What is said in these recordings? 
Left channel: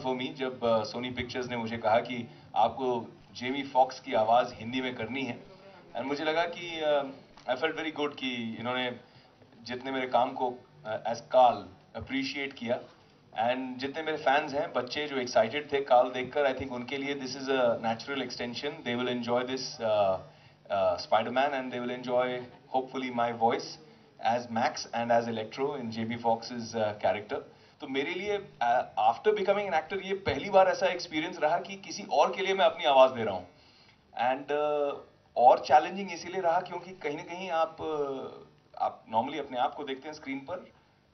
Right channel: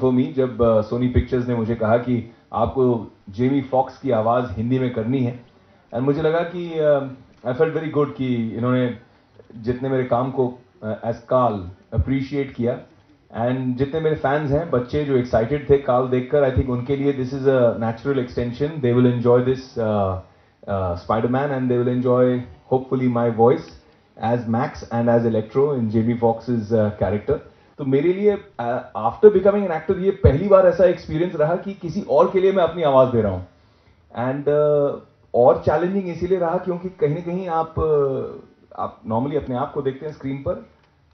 For me जब Soni pictures ने मुझे कहा कि आपको जेमी फॉक्स की आवाज़ हिंदी में करनी है। एंड मुझे लगा कि आई फेल्ट वेरी गुड कि इन्होंने जितने मेरे काम को एज काल अप्रिशिएट किया, एंड जितने मेरे फैंस हैं बच्चे जो एक्साइटेड थे काल देखकर, आई थिंक उनके लिए this is a natural extension. They will enjoy this Spiderman and they will enjoy hopefully my voice as Max and as Electro in Jamie Foxx's character. तो मेरे लिए आफ्टर बिकमिंग एन एक्टर ये पहली बार ऐसा experience रहा कि किसी और के लिए मैं अपनी आवाज दे रहा हूं। एंड और चैलेंजिंग इसीलिए रहा क्योंकि कहीं ना कहीं आप नॉर्मली अपने आप को देखते हैं स्क्रीन पर,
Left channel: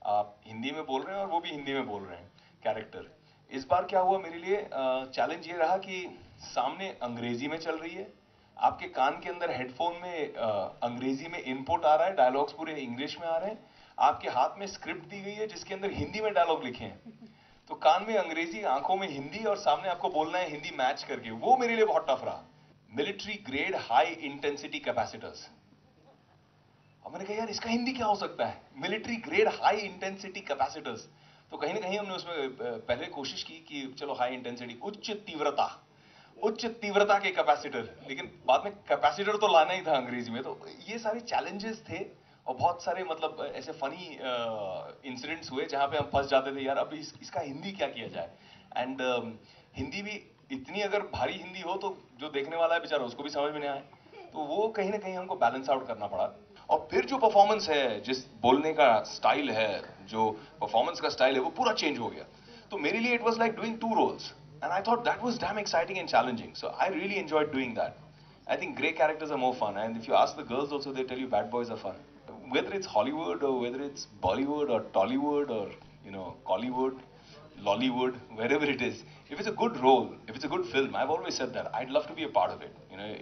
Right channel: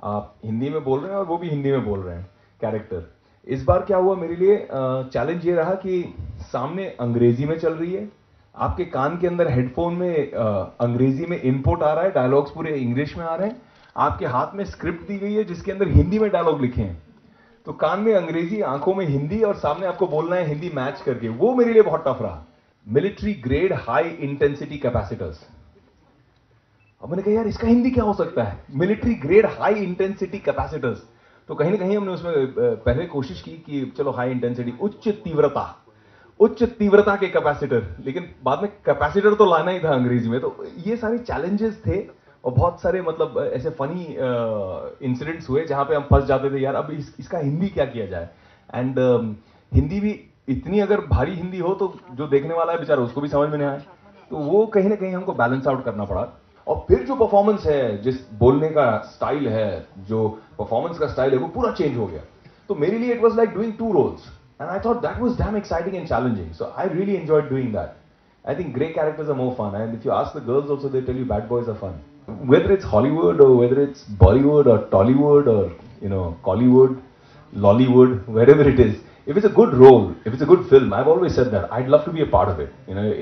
आप हिंदी में बोल रहे हैं और वो भी हिंदी में बोल रहे हैं कैरेक्टर। इस बार क्या हुआ मेरे लिए, चैलेंज ये रहा कि सामने अंग्रेजी में चल रही है, आपके कान के अंदर हेडफोन में अंग्रेजी में इनपुट आ रहा है, डायलॉग्स पूरे इंग्लिश में आ रहे हैं, आपके हाथ में स्क्रिप्ट दी गई है जिसके अंदर हिंदी में डायलॉग लिखे हैं। तो कान में अंग्रेजी, आंखों में हिंदी, और सामने आपको बोलना है हिंदी मैच करके। वो मेरे लिए बहुत टफ रहा। Military grade high intensity capacitors. अब मैंने कहा यार इसका हिंदी क्या हो सकता है, military grade high intensity capacitors. तो कहीं ना कहीं हमने उसमें पहले कोशिश की कि चलो हाई इंटेंसिटी, उच्च तीव्रता के कैपेसिटर, लेकिन बाद में कैपेसिटर तो लाना ही था अंग्रेजी में। तो ये सारे चैलेंजेस थे और बहुत सारे मतलब ऐसे फनी इंसिडेंट्स हुए जहां पे हम फंस जाते थे यार अब इसका हिंदी क्या किया जाए। एंड हिंदी भी इतनी अगर भारी हिंदी हो तो जो देखने वाला है बेचारा उसको भी समझ में नहीं आए। तो वो कहीं ना कहीं हमको बैलेंस आउट करना पड़ा। और फिर जो परफॉर्मेंस है, जिस बोलने का स्टाइल है, जो परफॉर्मेंस का स्टाइल है, वो पूरा चेंज हो गया। तो मेरे लिए it was like doing two roles and I thought that was damn exciting and challenging, so I really enjoyed doing that. I think grey characters are more fun, and if you ask the girls also, they tell you bad boys are fun. Whether it's Hollywood or whether it's Bollywood or Tollywood or Collywood, Lollywood, wherever it is, if it's a good role, if it's a good film, I've always said that I'd love to be a part of it.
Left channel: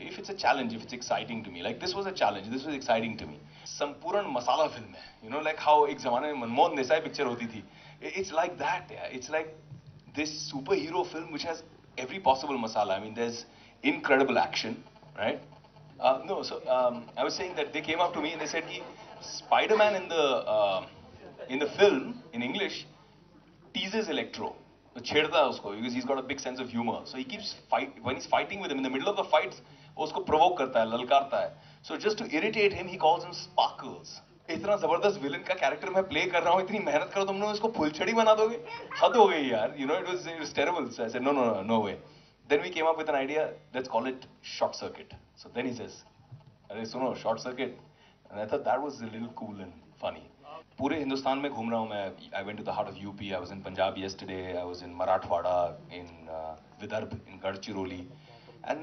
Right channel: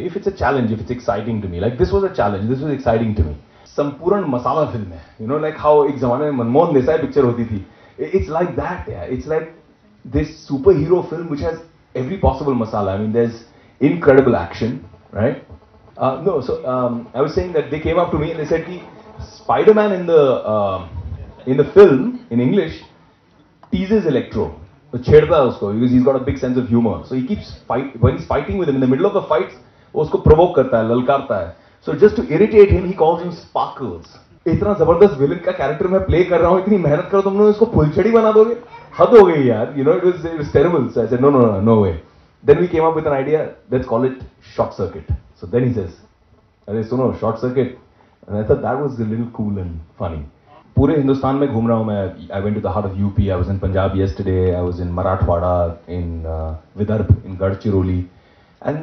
If it's a challenge, if it's exciting to me, like this was a challenge, this was exciting to me. संपूर्ण मसाला film है, like how एक जमाने में Manmohan Desai picture होती थी. It's like that, yeah. It's like this superhero film which has every possible masala. I mean, there's incredible action. Right? No, so I was saying that they came up to me and they said, "Ki Spider-Man in the film in English teases Electro, तो छेड़ता है उसको because he's got a big sense of humor. So he keeps when he's fighting with him in the middle of the fights, वो उसको provoke करता है, ललकारता है. So just to irritate him, he calls him Sparkles. इतना जबरदस्त villain का character मैं play कर रहा हूँ, इतनी मेहनत करो तुम लोग, इसको फुलझड़ी बना दोगे, हद हो गई यार. It was terrible. So I said, no way. Then we came up with an idea, let's call it Short Circuit. So then he says, अरे सुनो Short Circuit. And I thought that was a little cool and funny. पूरे हिंदुस्तान में घूम रहा हूँ मैं. I went to the heart of UP. I was in Punjab yesterday. I was in Marathwada, in Vidarbh, in Gadchiroli. And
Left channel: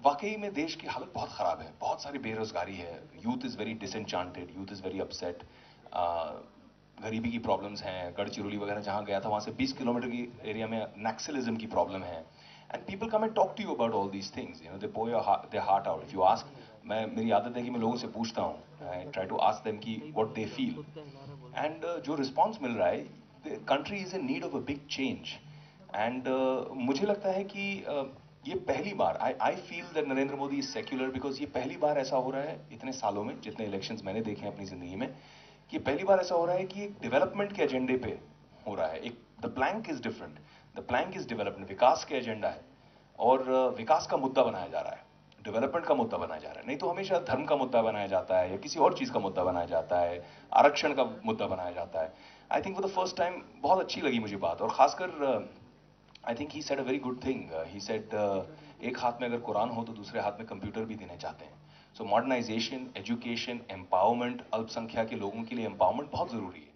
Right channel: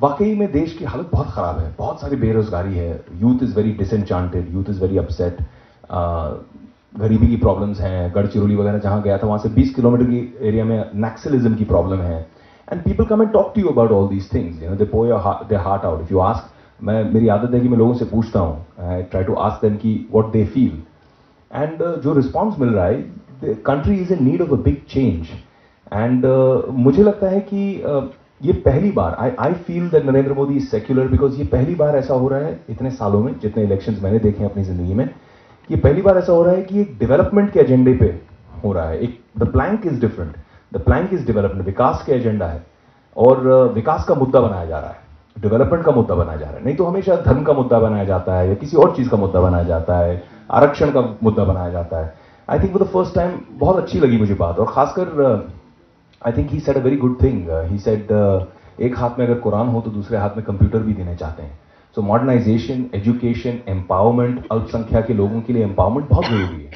वाकई में देश की हालत बहुत खराब है. बहुत सारी बेरोजगारी है. Youth is very disenchanted. Youth is very upset. गरीबी की प्रॉब्लम्स हैं. गढ़चिरौली वगैरह जहाँ गया था वहाँ से 20 किलोमीटर की एरिया में नक्सलिज्म की प्रॉब्लम है. And people come and talk to you about all these things. They pour their heart out. If you ask, मेरी आदत है कि मैं लोगों से पूछता हूँ. I try to ask them कि what they feel. And जो response मिल रहा है, the country is in need of a big change. And मुझे लगता है कि ये पहली बार, I feel that Narendra Modi is secular because ये पहली बार ऐसा हो रहा है इतने सालों में, जितने इलेक्शंस मैंने देखे हैं अपनी जिंदगी में, ये पहली बार ऐसा हो रहा है कि एक डेवलपमेंट के एजेंडे पे हो रहा है. एक the plank is different. The plank is development. विकास के एजेंडा है और विकास का मुद्दा बनाया जा रहा है, डेवलपमेंट का मुद्दा बनाया जा रहा है. नहीं तो हमेशा धर्म का मुद्दा बनाया जाता है या किसी और चीज का मुद्दा बनाया जाता है, आरक्षण का मुद्दा बनाया जाता है. I think for the first time बहुत अच्छी लगी मुझे बात. और खासकर I think he said a very good thing. He said एक हाथ में अगर कुरान हो तो दूसरे हाथ में कंप्यूटर भी देने चाहते हैं. सो मॉडर्नाइजेशन, एजुकेशन, एम्पावरमेंट, अल्पसंख्या के लोगों के लिए एम्पावरमेंट बहुत जरूरी है.